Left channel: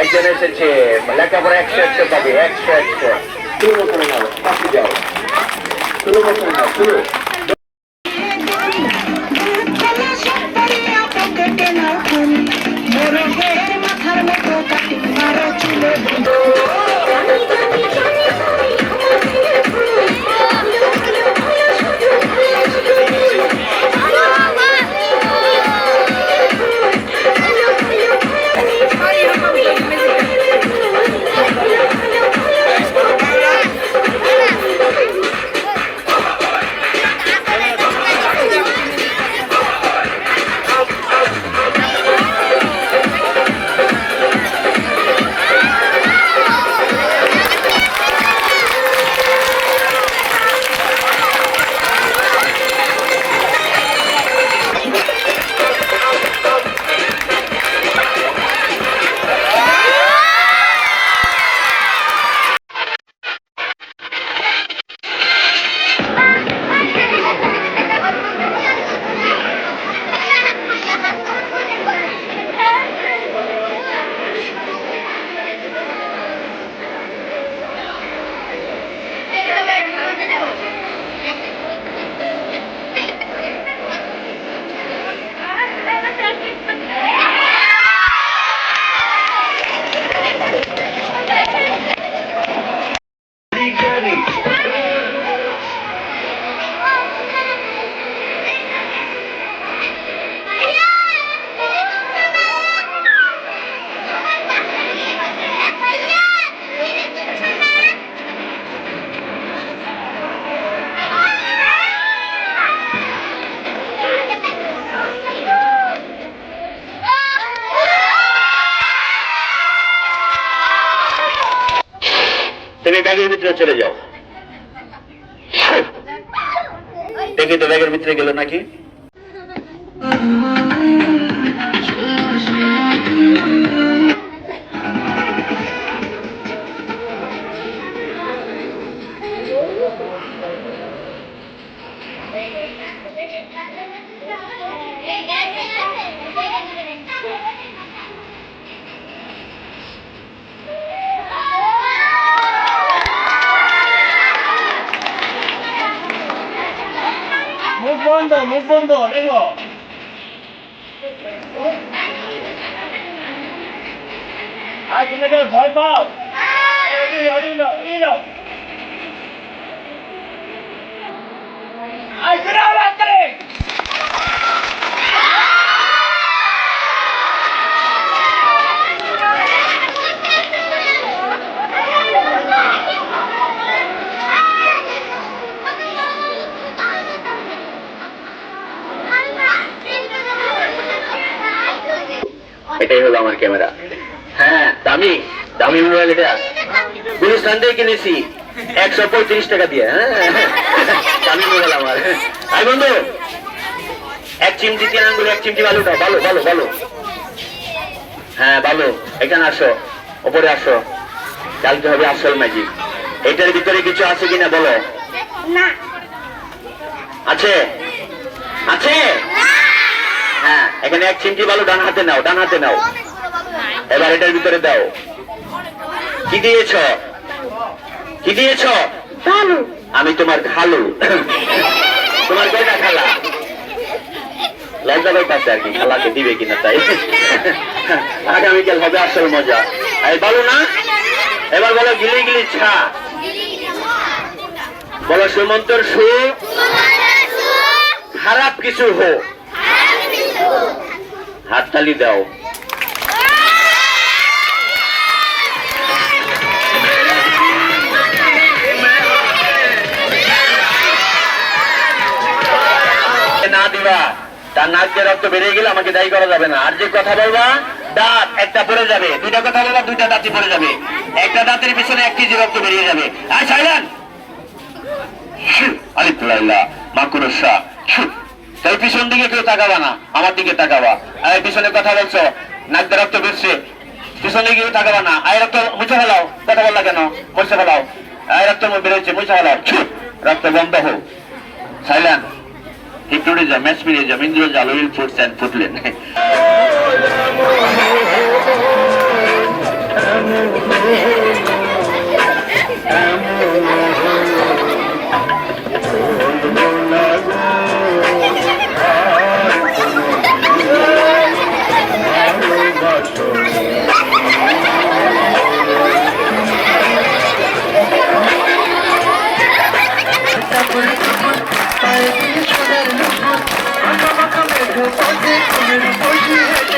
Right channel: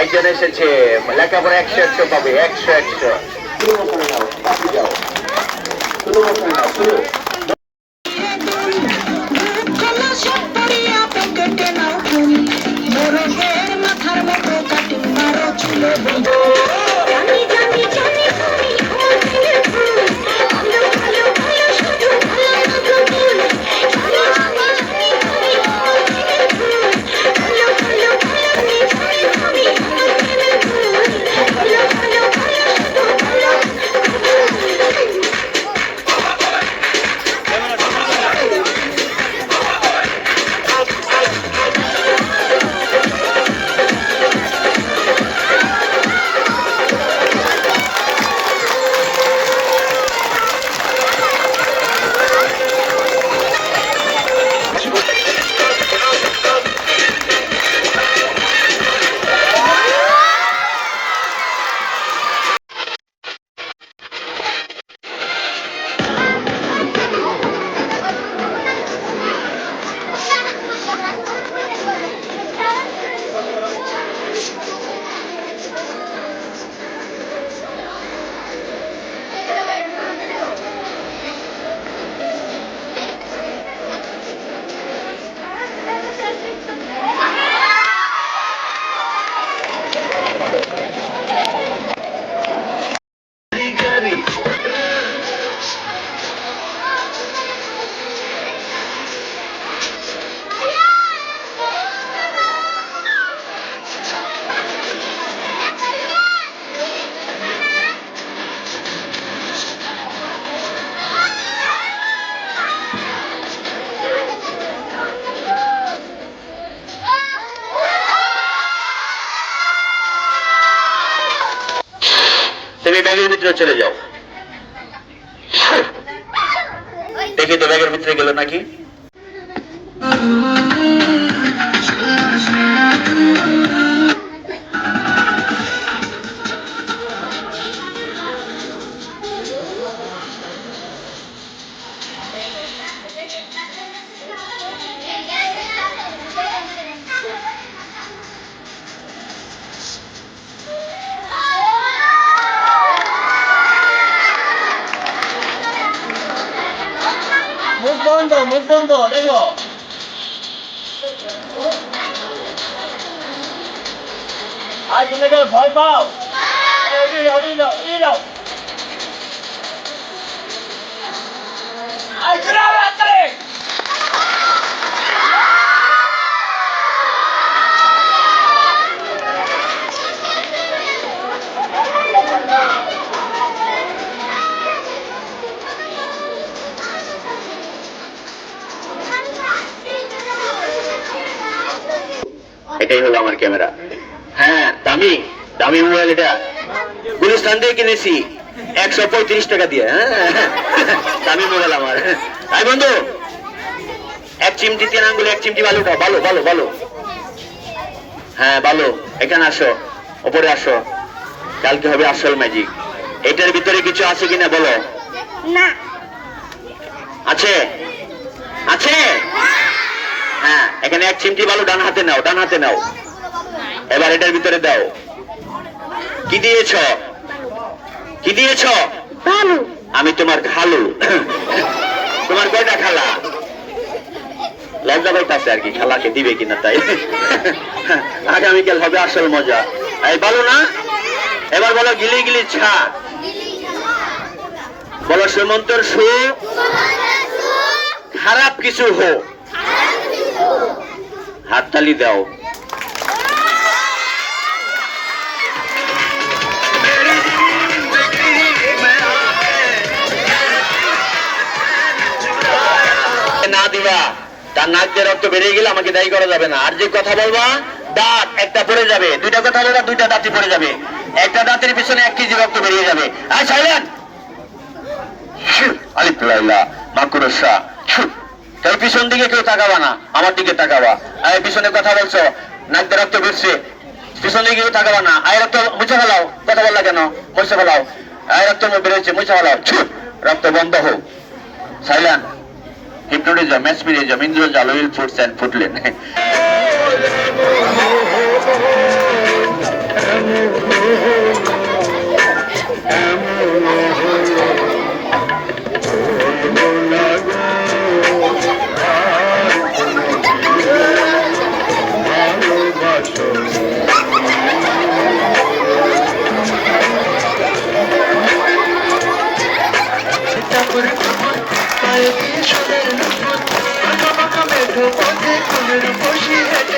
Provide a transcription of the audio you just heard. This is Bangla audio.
একজন এসেছে, লেখাপড়া 100 পাবে, 100 শুরু করে নাও, পাখি যাও, শুরু করে নাও, শুরু। মাথার মতো কাটি মারো চুলে তুমি ব্যাগের ভিতরে চলে যাও। দেখি তো ব্যাগের ভিতরে গেল নাকি। মুখ বন্ধ, মুখ বন্ধ, দেখো। আর তুমি ভয় পাও? এটাই হলো আমার ক্যামেরা। হ্যাঁ, দামি দামি মোবাইল এটা, গুলিস্তান থেকে কিনেছি 135 টাকা দিয়ে। হ্যাঁ, দামি মোবাইল আমার। তাই বন্ধু, এক চিমটি 3 আঙ্গুলে 1 চিমটি বালু খাও। ভালো ভালো ভালো। হ্যাঁ ভালো, এখানে আসো, ওপরে আসো, কালকে হবে আসল ম্যাজিক। এটার ভিতরে কিছু আছে কিনা বলো। না আছে? আছে? হ্যাঁ, এখানে 1 চিমটি বালু ডান হাতে নাও, ডান হাতে নাও। এবার এটার ভিতরে দাও। কি দিয়েছ? কি দিয়েছ? বালু। আমি তোমার খালু। তোমার কয়টা খালা? লজ্জা পাইতাছে আর কি, খালাকে দিবে কিনা তাই। আগামীকাল হবে আসল মজা। এই বলো না, এবার বলো গিলি গিলি ছা। বলো সুমন্তর সু, খারাপ কিছু হো। হাততালি দাও। না দিবা, তার নাক দিয়ে রক্ত বেরিয়ে গেলে আমাকে দায়ী করা যাবে না। আর যে কথা বলবা, দাঁত একটা পড়ে যাবে। 2টা কথা বলবা, 2টা দাঁতই পড়ে যাবে। একটা দাঁতের পিছনে 1 কেজি রক্ত বেরিয়ে যাবে। আর সাইলেন আলিফুল্লাহ মাকুরসা। তাই পিছন দিকে কেউ তাকাবা না, আমার দিকে তাকাবা। আর পিছনে কথা বলছো, নাক দিয়ে রক্ত বেরছে, পিছন দিকে কেউ তাকাবা না। আয় রক্ত মুছে ফেলাও। কথা বললা কেন? মুছে ফেলাও। আয় রক্ত বেরোচ্ছে, মুছে ফেলাও। রক্ত বন্ধ হোক। Silent hypnotism, mesmerism, Indrojal, oil foods and foodland. পায়ে দিয়ে সোনার মুকুট, আঁকা বাঁকা মেঘ পথে কোলের বসে হেঁটে